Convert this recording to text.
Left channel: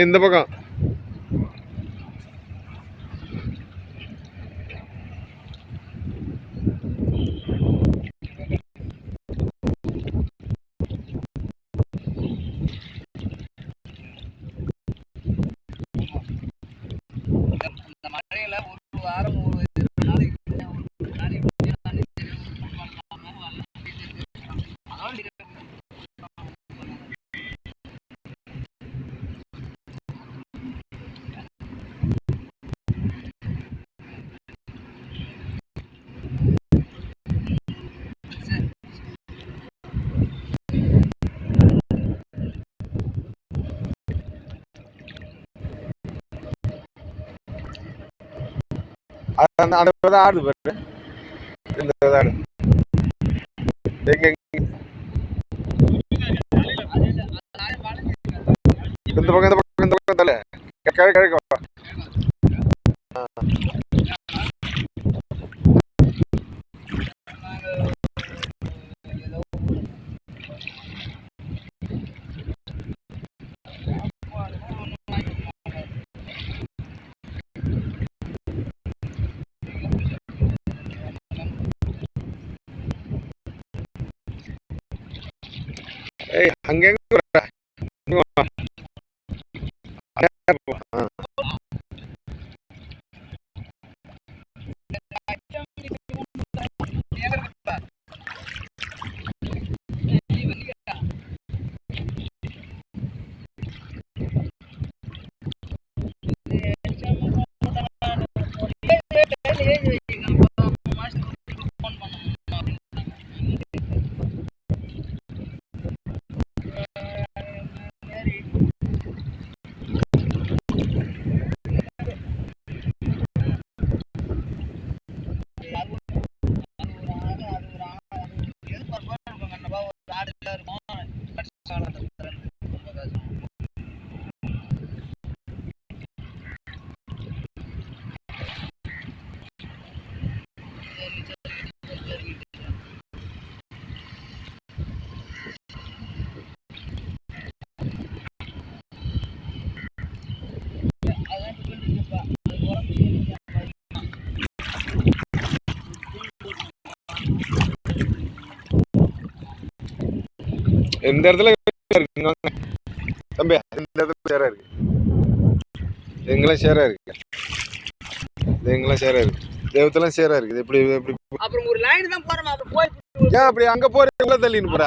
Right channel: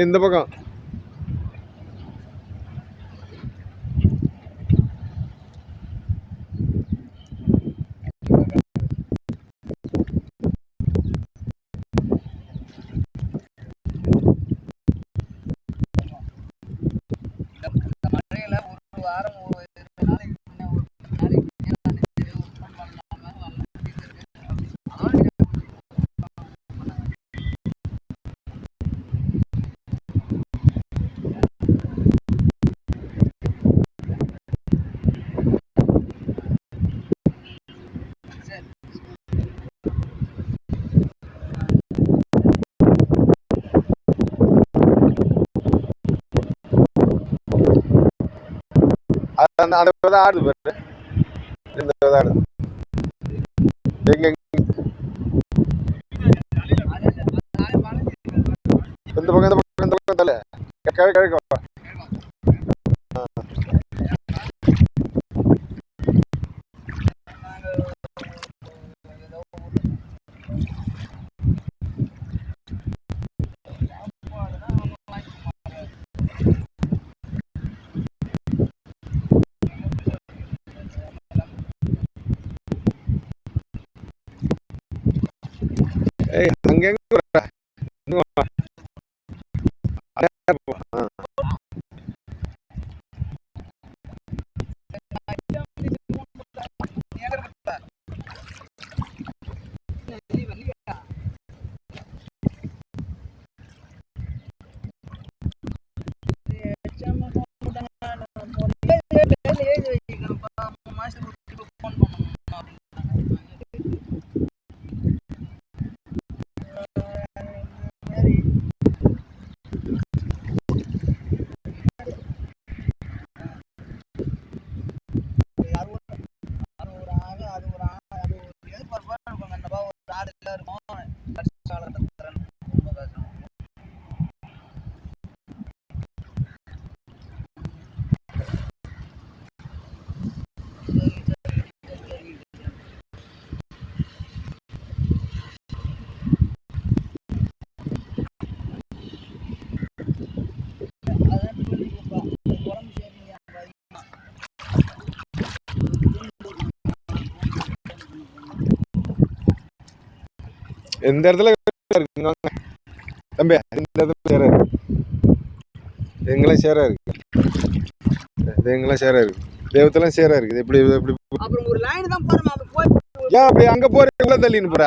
இந்த பக்கம் அந்த ஆடுது பாரு. இந்த ஆடு எங்க இந்த பக்கம் தலை கிழக்கு அங்க இந்த இடத்துல இருக்குங்க தம்பி. இந்த இடத்துல சேரா இருக்கு. எங்கெல்லாம் சேரா இருக்கு. எங்கெல்லாம் சேரா இருக்கு. தேவத்தெல்லாம் சேரா இருக்குது. எப்படி எப்படி அப்புறம் ஒரு லைன் தான் போறோம். அப்படி போய் ஏன் அப்படி அங்க போற உள்ள தள்ளின்னு போற?